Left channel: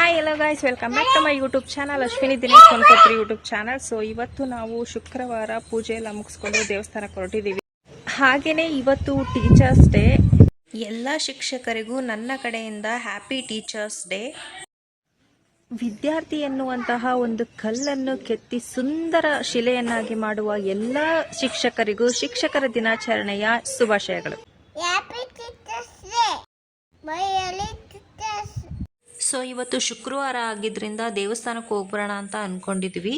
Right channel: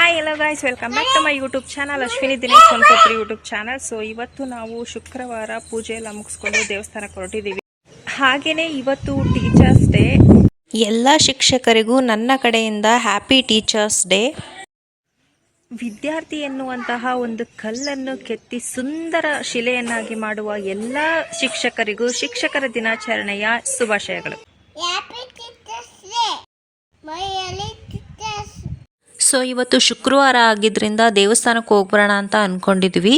Hi hello guys welcome back to my YouTube channel Ashwini Dinesh Konkotri YouTube channel so ಇವತ್ತು ನಾವು ಶುಕ್ರವಾರ ಪೂಜೆ ಎಲ್ಲ ಮುಗಿಸ್ಕೊಂಡು ದೇವಸ್ಥಾನಕ್ಕೆ ಹೊರಟಿದ್ದೀವಿ. ಹಾಗೆಯೇ ಇವತ್ತು ಟೀಚರ್ಸ್ ಡೇ ಎಲ್ಲ ಶಿಕ್ಷಕರಿಗೂ ನನ್ನ ಕಡೆಯಿಂದ ಹ್ಯಾಪಿ ಟೀಚರ್ಸ್ ಡೇ ವಿದ್ಯಾರ್ಥಿ ಎನ್ನುವಂತಹ ಒಂದು ಕಲ್ಲನ್ನು ಕೆತ್ತಿ ಸುಂದರ ಶಿಲೆಯನ್ನಾಗಿ ಮಾಡುವ ಎಲ್ಲ ಶಿಕ್ಷಕರಿಗೂ ಶಿಕ್ಷಕರ ದಿನಾಚರಣೆಯ ಶುಭಾಶಯಗಳು. ಸೊ ಇವತ್ತು ಶುಕ್ರವಾರ ಆಗಿದ್ದರಿಂದ ದೇವಸ್ಥಾನಕ್ಕೆ ಹೋಗ್ಬರೋಣ ಅಂತ ಅಂದ್ಕೊಂಡಿದ್ವಿ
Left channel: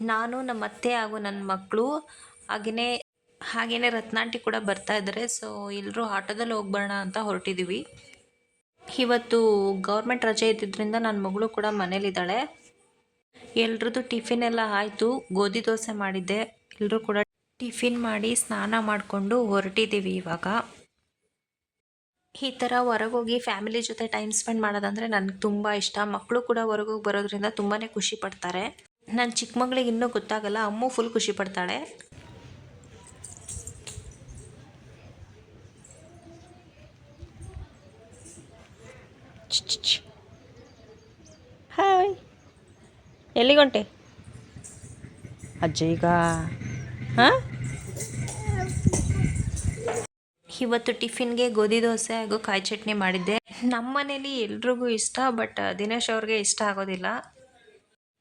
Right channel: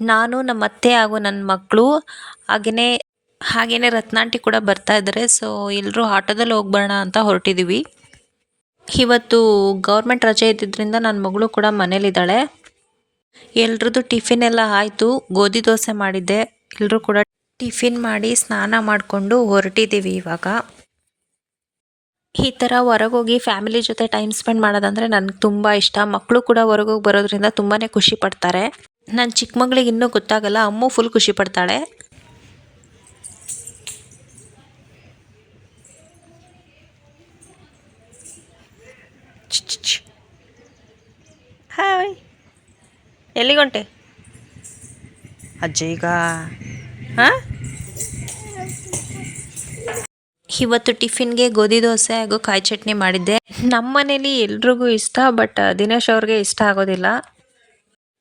ನಾನು ನಮ್ಮ ಅತ್ತೆ ಹಾಗೂ ನನ್ನ ಮಕ್ಕಳು ಹಾಗೆಯೇ ಹಾಗೆಯೇ ರತ್ನಾಂಟಿ ಕೂಡ ಬರ್ತಾ ಇದ್ದಾರೆ ಸೊ ಎಲ್ಲರೂ ಆಟೋದಲ್ಲಿ ಹೋಗ್ಬರೋಣ ಅಂತ ಹೊರಟಿದ್ದೀವಿ ಇವತ್ತು ಗೌರ್ಮೆಂಟ್ ರಜೆ ಇದ್ದಿದ್ದರಿಂದ ನನ್ನ ಮಗಳು ಕೂಡ ಮನೇಲಿದ್ದಾಳೆ. ಎಲ್ರದ್ದು ಟಿಫಿನ್ ಎಲ್ಲ ಆಯಿತು. ಗೋಧಿ ದೋಸೆ ಮಾಡಿದ್ದೆ. ಎಲ್ಲರೂ ಕೂಡ ಟಿಫಿನ್ ಮಾಡಿ ಸ್ನಾನ ಮಾಡಿಕೊಂಡು ಹೊರಟಿದ್ದೀವಿ ಇವಾಗ. ಈ ಥರ ಹೊರಗೋಗಿ ಫ್ಯಾಮಿಲಿ ಜೊತೆ ಟೈಮ್ ಸ್ಪೆಂಡ್ ಮಾಡೋದಂದರೆ ನನಗೆ ತುಂಬ ಇಷ್ಟ. ಮಕ್ಕಳು ಕೂಡ ಹೊರಗೋಗಿ ಬರೋದ್ರಿಂದ ತುಂಬಾ ಖುಷಿ ಪಡ್ತಾರೆ. ನನ್ನ ಚಿಕ್ಕ ಮಗಳಿಗೆ ಇನ್ನೂ ಗೊತ್ತಾಗಲ್ಲ ಅಮ್ಮು ಫುಲ್ ಖುಷಿ ಪಡ್ತಾಳೆ. ಹಾಯ್ ಎಲ್ಲಿಗೊಂಟೆ ಅಜ್ಜ ಈಗ. ಹಾಂ? ಇವತ್ತು ಟಿಫಿನ್ಗೆ ಗೋಧಿ ದೋಸೆ ಹಾಗೂ ಕಾಯಿ ಚಟ್ನಿ ಮಾಡಿದ್ದೆ. ನಮ್ಮ ಮನೇಲಿ ಎಲ್ರಿಗೂ ಇಷ್ಟ ಬಟ್ ದಿನೇಶ್ ಅವ್ರಿಗೆ ಇಷ್ಟ ಆಗೋದಿಲ್ಲ.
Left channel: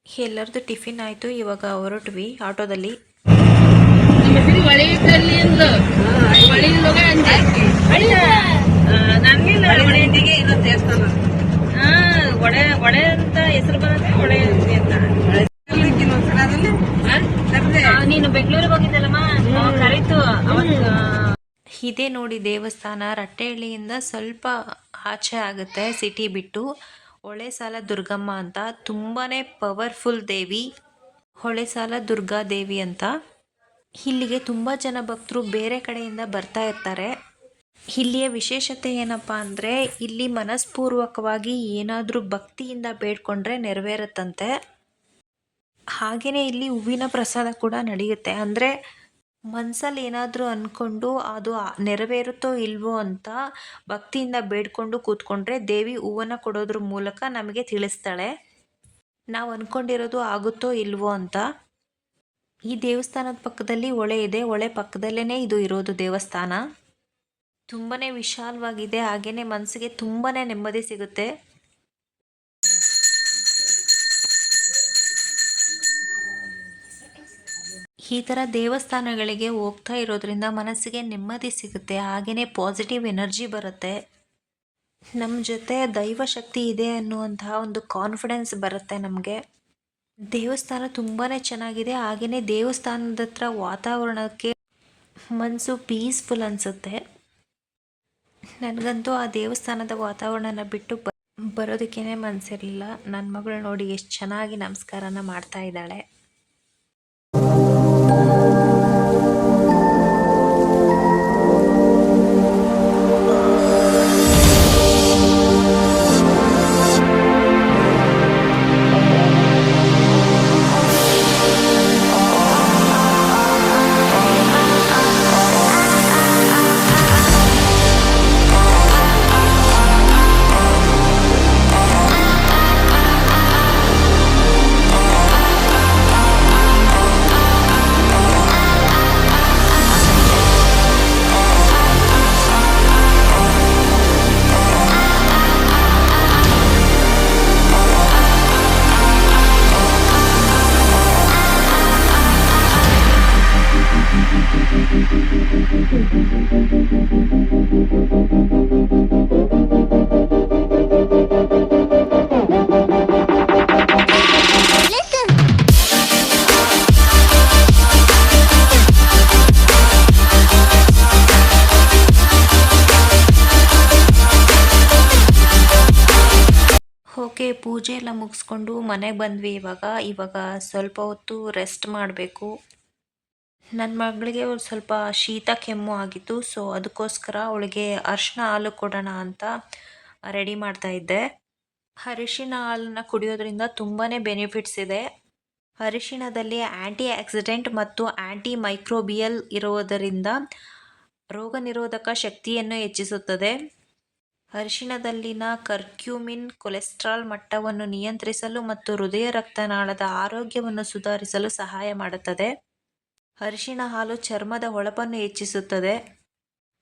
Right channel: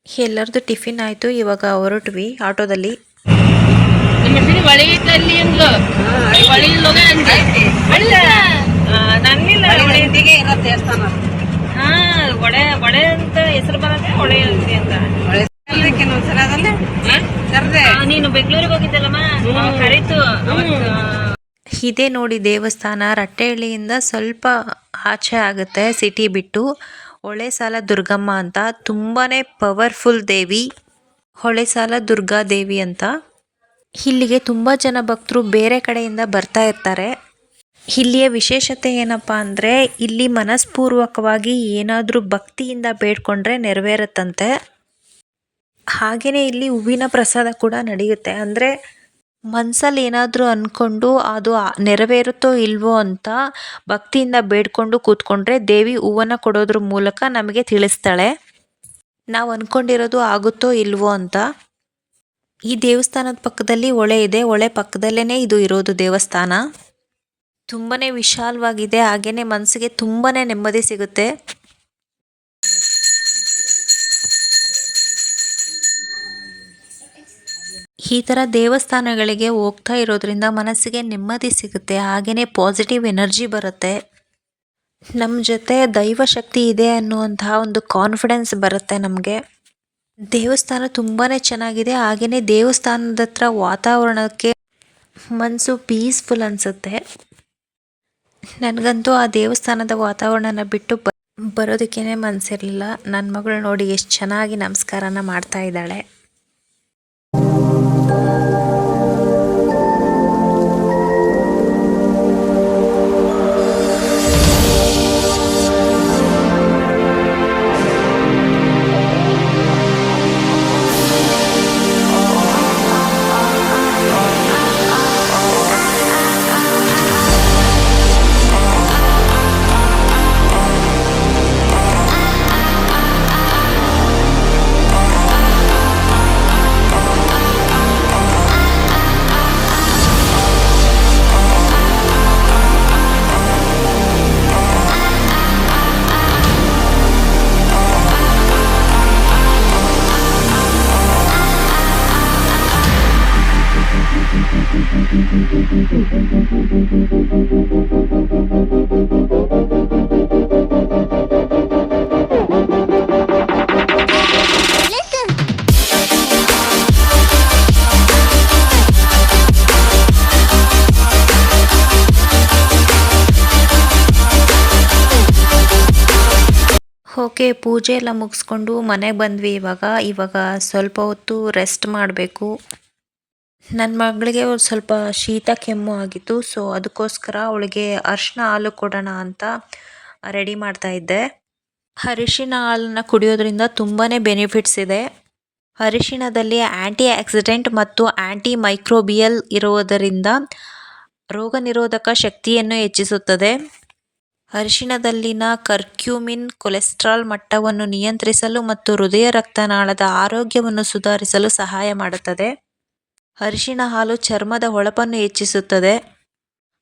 ಎಲ್ಲರದು ಟಿಫಿನ್ ಆಯಿತು ಇವಾಗ ಹೊರಟ್ವಿ ಆಟೋದಲ್ಲಿ. ಒಡೆ ಒಡೆ ಅಂತ ಹೆಸರು ಬರತ್ತೆ ಅಂತ. ನೀನು ಬೆಂಗಳೂರಿಗೆ ಹೋಗಿದ್ದಲ್ಲಮ್ಮ? ಕರೀತು ಅವತ್ತು ಇದೇ ನೋಡಿ ದೇವಸ್ಥಾನ, ರಟ್ಟೆಹಳ್ಳಿಯಿಂದ ಸ್ವಲ್ಪ ಆಚೆ ಆಗುತ್ತೆ ಸಿಟಿ ಬಿಟ್ಟು. ಹೊಳೆಸಾಲ ದುರ್ಗಮ್ಮ ಅಂತ. ತುಂಬಾ ಪವರ್ಫುಲ್ ದೇವಿ. ಹೊಳೆಸಾಲ ದುರ್ಗಾ ದೇವಿ ಅಂತ. ಇಲ್ಲಿಗೆ ತುಂಬ ಜನ ಭಕ್ತರು ಬೇರೆ ಕಡೆಯಿಂದ ಬರ್ತಾ ಇರ್ತಾರೆ. ಇಲ್ಲಿಯ ವಿಶೇಷತೆ ಏನಪ್ಪ ಅಂದರೆ, ಇಲ್ಲಿ ಮನಸ್ಪೂರ್ವಕವಾಗಿ ಏನಾದರೂ ಭಕ್ತಿಯಿಂದ ಬೇಡ್ಕೊಂಡ್ರೆ ನೆರವೇರುತ್ತಂತೆ. ಹಾಗೆಯೇ ಇಲ್ಲಿ ಹೂವಿನ ಪ್ರಸಾದ ಕೂಡ ನಡೆಯುತ್ತೆ. ಅಂದರೆ ಮನಸ್ಸಲ್ಲಿ ಏನಾದರೂ ಅಂದ್ಕೊಂಡು ಅದು ನೆರವೇರುತ್ತೋ ಇಲ್ವೋ ಅಂತ ಭಕ್ತಿಯಿಂದ ಬೇಡ್ಕೊಂಡು ಕೂತ್ಕೊಂಡ್ರೆ ದೇವಿ ಹೂವನ್ನು ಕೊಡೋದ್ರ ಮೂಲಕ ನಮಗೆ ತಿಳಿಸ್ತಾಳೆ. ನಾವು ಅಂದ್ಕೊಂಡಿರೋದು ಆಗುತ್ತೋ ಇಲ್ವೋ ಅಂತ. ಈ ದೇವಸ್ಥಾನದ ಪಕ್ಕದಲ್ಲಿ ಹೊಳೆ ಇದೆ. ಹೊಳೆ ಪಕ್ಕದಲ್ಲೇ ಇದು ಇರೋದು ದೇವಸ್ಥಾನ. ತುಂಬಾ ವಿಶಾಲವಾಗಿದೆ. ಹಾಗೆಯೇ ಮನಸ್ಸಿಗೆ ತುಂಬಾ ನೆಮ್ಮದಿ ಸಿಗುತ್ತೆ. ಈ ಥರ ದೇವಸ್ಥಾನಗಳಿಗೆ ಹೋಗ್ತಾ ಇರೋದ್ರಿಂದ ಮನಸ್ಸಿಗೆ ನೆಮ್ಮದಿ ಸಿಗುತ್ತೆ ಹಾಗೆಯೇ ಪಾಸಿಟಿವ್ ಎನರ್ಜಿ ಬರುತ್ತೆ. ನಮ್ಮ ಜೊತೆ ದೈವಶಕ್ತಿ ಇದೆ ಅನ್ನುವಂತಹ ಒಂದು ಕಾನ್ಫಿಡೆನ್ಸ್ ಬರುತ್ತೆ ನಮಗೆ. ದೇವಸ್ಥಾನ ತುಂಬಾ ಚೆನ್ನಾಗಿದೆ ಹಾಗೆಯೇ ದೇವಸ್ಥಾನದ ಹತ್ರ ವಾತಾವರಣಕ್ಕೆ ಮನಸ್ಸು ಪೀಸ್ಫುಲ್ ಅನಿಸುತ್ತೆ. ನನಗಂತೂ ಆ ದೇವಸ್ಥಾನದ ವಾತಾವರಣನ ಬಿಟ್ಟು ಬರೋದಕ್ಕೇ ಮನಸ್ಸಿರಲಿಲ್ಲ ನನ್ನ ಮಗಳು ನೋಡಿ ಎಷ್ಟು ಚೆನ್ನಾಗಿ ನಮಸ್ಕಾರನ ಮಾಡ್ತಾ ಇದ್ದಾಳೆ. ಓಕೆ, ಪೂಜೆ ಎಲ್ಲ ಮುಗಿಸ್ಕೊಂಡು ಮನೆಗೆ ಬಂದ್ವಿ. ಇವಾಗ ಇವಾಗ ಸ್ವಲ್ಪ ಹೊತ್ತು ರೆಸ್ಟ್ ಮಾಡಬೇಕು. ನನ್ನ ಮಗಳಿಗೆ ಸ್ವಲ್ಪ ಶೀತ ಕೆಮ್ಮು ಆಗಿತ್ತು ಸೊ ಅದಕ್ಕೋಸ್ಕರ ಅವಳಿಗೆ ಅರಿಶಿನ ಹಾಲು ಕೊಡೋಣ ಅಂತ ರೆಡಿ ಮಾಡ್ತಾ ಇದ್ದೆ. ಅರಿಶಿನ ಹಾಲನ್ನು ಕುಡಿಯೋದ್ರಿಂದ ತುಂಬಾ ಬೆನಿಫಿಟ್ಸ್ ಇದೆ. ಅರಿಶಿಣದಲ್ಲಿ ಆ್ಯಂಟಿ ಆಕ್ಸಿಡೆಂಟ್ ಮತ್ತು ಆ್ಯಂಟಿ ಮೈಕ್ರೋಬಿಯಲ್ ಇರುವುದರಿಂದ ರೋಗ ನಿರೋಧಕ ಶಕ್ತಿಯನ್ನು ಹೆಚ್ಚಿಸುತ್ತದೆ. ಅರಿಶಿಣದಲ್ಲಿನ ಕರ್ಕ್ಯೂಮಿನ್ ಕೊಲೆಸ್ಟ್ರಾಲ್ ಮಟ್ಟವನ್ನು ನಿಯಂತ್ರಿಸಲು ಮತ್ತು ಹೃದಯ ರಕ್ತನಾಳದ ಆರೋಗ್ಯವನ್ನು ಸುಧಾರಿಸಲು ಸಹಾಯ ಮಾಡುತ್ತದೆ. ಅರಿಶಿಣ ಹಾಲು ಚರ್ಮದ ಹೊಳಪನ್ನು ಹೆಚ್ಚಿಸುತ್ತದೆ.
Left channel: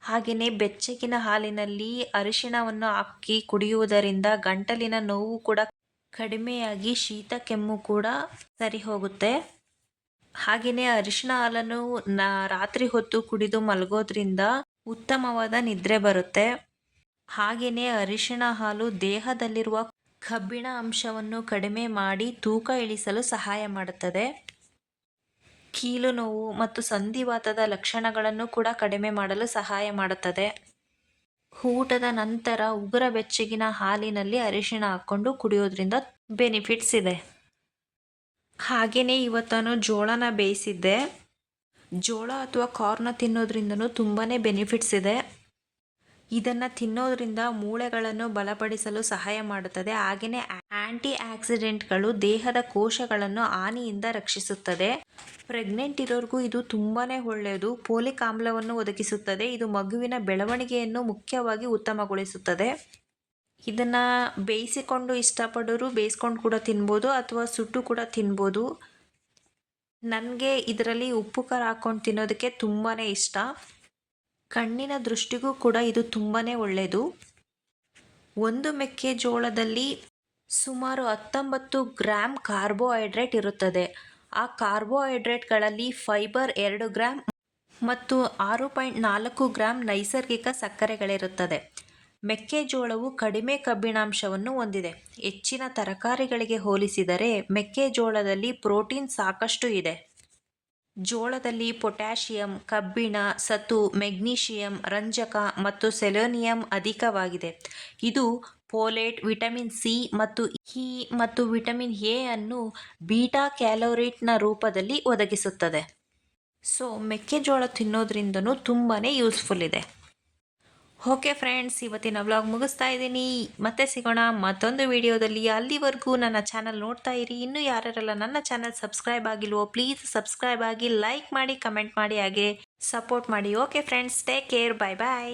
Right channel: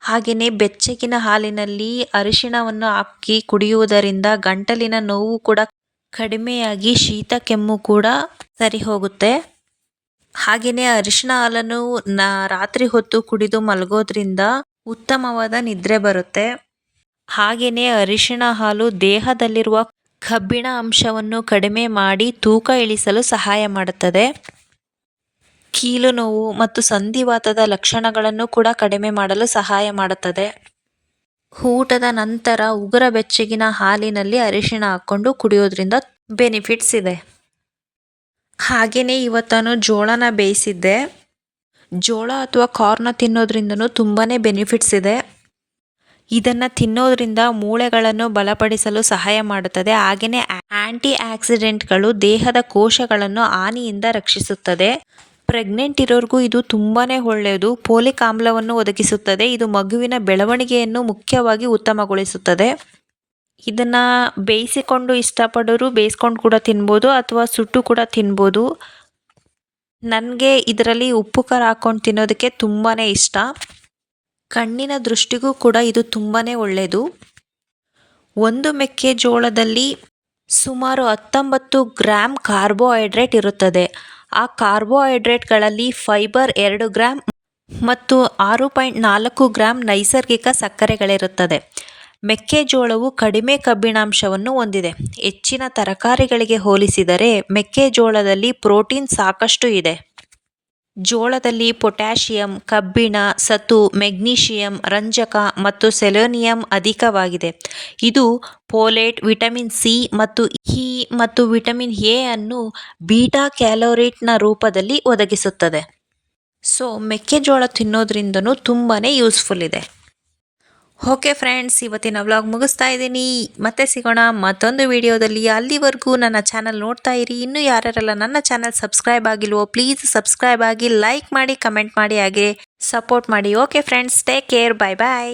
ಹಾಗೆಯೇ ಬೆಚ್ಚಗಿನ ಹಾಲಿನಲ್ಲಿ ಅರಿಶಿಣವನ್ನು ಹಾಕಿ ಕುಡಿಯುವುದರಿಂದ ಗಂಟಲಿನ ನೋವು ಕೂಡ ಕಡಿಮೆಯಾಗಿ ಶೀತ, ಕೆಮ್ಮು ಕೂಡ ಸರಿ ಹೋಗುತ್ತೆ ಹಾಗೆಯೇ ಅರಿಶಿನ ಹಾಲನ್ನು ರಾತ್ರಿ ಹೊತ್ತು ಕುಡಿದು ಮಲಗೋದ್ರಿಂದ ಉತ್ತಮವಾದ ನಿದ್ರೆ ಬರುತ್ತೆ. ಹಾಗೆಯೇ ಅರಿಶಿಣ ಹಾಲು ದೇಹದಲ್ಲಿರುವ ಕಬ್ಬಿಣ ಅಂಶವನ್ನು ಕಡಿಮೆ ಮಾಡಿ ತೂಕ ಇಳಿಸಲು ಸಹಾಯ ಮಾಡುತ್ತದೆ. ಕೀಲು ನೋವು ಮತ್ತು ಸಂಧಿವಾತದ ಲಕ್ಷಣಗಳನ್ನು ಕೂಡ ಕಡಿಮೆ ಮಾಡಲು ಸಹಾಯ ಮಾಡುತ್ತದೆ. ಊಟದ ನಂತರ ಉಗುರ ಬೆಚ್ಚಗಿನ ಹಾಲಿನಲ್ಲಿ ಅರಿಶಿಣ ಹಾಕ್ಕೊಂಡು ಕುಡಿಯೋದ್ರಿಂದ ಬೆನಿಫಿಟ್ಸ್ ಇದೆ. ಹಾಗೆಯೇ ಇವತ್ತಾನು ಜೋಳನ ಬೇಯಿಸಿದ್ದೆ. ಜೋಳ ಅಥವಾ ಕಾರ್ನ ತಿನ್ನೋದ್ರಿಂದನೂ ತುಂಬಾ ಬೆನಿಫಿಟ್ಸ್ ಇದೆ. ಇದನ್ನು ತಿನ್ನೋದ್ರಿಂದ ಮೂಳೆಗಳನ್ನು ಬಲಪಡಿಸಲು ಸಹಾಯ ಮಾಡುತ್ತದೆ. ಹಾಗೆಯೇ ಆ್ಯಂಟಿ ಆಕ್ಸಿಡೆಂಟ್ಗಳು ದೇಹದ ಕೋಶಗಳನ್ನು ಹಾನಿಯಿಂದ ರಕ್ಷಿಸುತ್ತದೆ. ಪ್ರೆಗ್ನೆಂಟ್ ಇರೋರಿಗೂ ಇದು ತುಂಬಾ ಒಳ್ಳೆಯದು. ಪೋಲಿಕ್ ಆಮ್ಲವನ್ನು ಒದಗಿಸುತ್ತದೆ. ಇದು ಮಗುವಿನ ಬೆಳವಣಿಗೆಯನ್ನು ಮುಖ್ಯವಾಗಿ ಉತ್ತಮಗೊಳಿಸುತ್ತದೆ. ಇದನ್ನು ಬೇಯಿಸಿಕೊಂಡು ಇಷ್ಟಪಡೋರು ಬೇಯಿಸ್ಕೊಂಡು ಕೂಡ ತಿನ್ಬೋದು ಅಥವಾ ಸುಟ್ಟು ಕೂಡ ತಿನ್ಬೋದು. ನನಗೆ ಇದರಲ್ಲಿ ಉಪ್ಪು ಖಾರ ಹಾಕ್ಕೊಂಡು ತಿನ್ನೋದಕ್ಕೆ ತುಂಬಾ ಇಷ್ಟ. ಕಣ್ಣಿನ ದೃಷ್ಟಿಗೂ ಕೂಡ ಇದು ತುಂಬಾ ಒಳ್ಳೆಯದು ಒಂದು ಮೆಕ್ಕೆಜೋಳದಲ್ಲಿ ಸುಮಾರು ಹತ್ತೊಂಬತ್ತು ಗ್ರಾಮ್ ಕಾರ್ಬೋಹೈಡ್ರೇಟ್ ಇರುತ್ತದೆ. ಆ ಕಾರ್ಬೋಹೈಡ್ರೇಟ್ಗಳಲ್ಲಿ ಫೈಬರ್ ಎರಡು ಗ್ರಾಮ್ ಮತ್ತು ಆರು ಪಾಯಿಂಟ್ ನಾಲ್ಕು ಗ್ರಾಮ್ ನೈಸರ್ಗಿಕ ಸಕ್ಕರೆಗಳಿರುತ್ತದೆ. ಮೆಕ್ಕೆಜೋಳವು ಕಡಿಮೆ ಕಬ್ಬಿಣಾಂಶವನ್ನು ಹೊಂದಿದೆ. ಹೆಚ್ಚಿನ ತರಕಾರಿಗಳಿಗೆ ಹೋಲಿಸಿದರೆ ಮೆಕ್ಕೆಜೋಳದಲ್ಲಿ ಪ್ರೋಟೀನ್ ಸಾಕಷ್ಟು ಇದೆ. ಜೋಳದಲ್ಲಿ ಪೊಟ್ಯಾಷಿಯಂ, ಕಬ್ಬಿಣ ಸತು ಮೆಗ್ನೀಷಿಯಂ, ರಂಜಕ ಮತ್ತು ಸೆಲೆನಿಯಂ ಅಧಿಕವಾಗಿದೆ. ಇದು ಫೋಲೇಟ್ ವಿಟಮಿನ್ ಸಿ ಮತ್ತು ಇ ಮತ್ತು ವಿಟಮಿನ್ ಎ ಅನ್ನು ಬೀಟಾ ಕ್ಯಾಲೋರೇಟ್ನ ರೂಪದಲ್ಲಿ ಒದಗಿಸುತ್ತದೆ. ಸೊ, ಮೆಕ್ಕೆಜೋಳ ತಿನ್ನೋದ್ರಿಂದನೂ ತುಂಬಾ ಯೂಸ್ಫುಲ್ ಇದೆ. ಓಕೆ ಫ್ರೆಂಡ್ಸ್, ಇವತ್ತಿನ ವ್ಲಾಗ್ ಮುಗಿಸ್ತಾ ಇದ್ದೀನಿ. ಮತ್ತೆ ಸಿಗೋಣ ಮತ್ತೊಂದು ವಿಡಿಯೋದಲ್ಲಿ. ಅಲ್ಲಿವರೆಗೂ ನನ್ನ ಚಾನಲ್ ನೋಡ್ತಾ ಇರಿ. ಇನ್ನೂ ಯಾರ್ಯಾರೆಲ್ಲ ನನ್ನ ಚಾನಲ್ ಸಬ್ಸ್ಕ್ರೈಬ್ ಆಗಿಲ್ವೋ ಪ್ಲೀಸ್ ಸಬ್ಸ್ಕ್ರೈಬ್ ಆಗಿ ಲೈಕ್ ಮಾಡಿ ಕಮೆಂಟ್ ಮಾಡಿ ಹಾಗೆ ಸಪೋರ್ಟ್ ಮಾಡಿ. Okay friends take care bye bye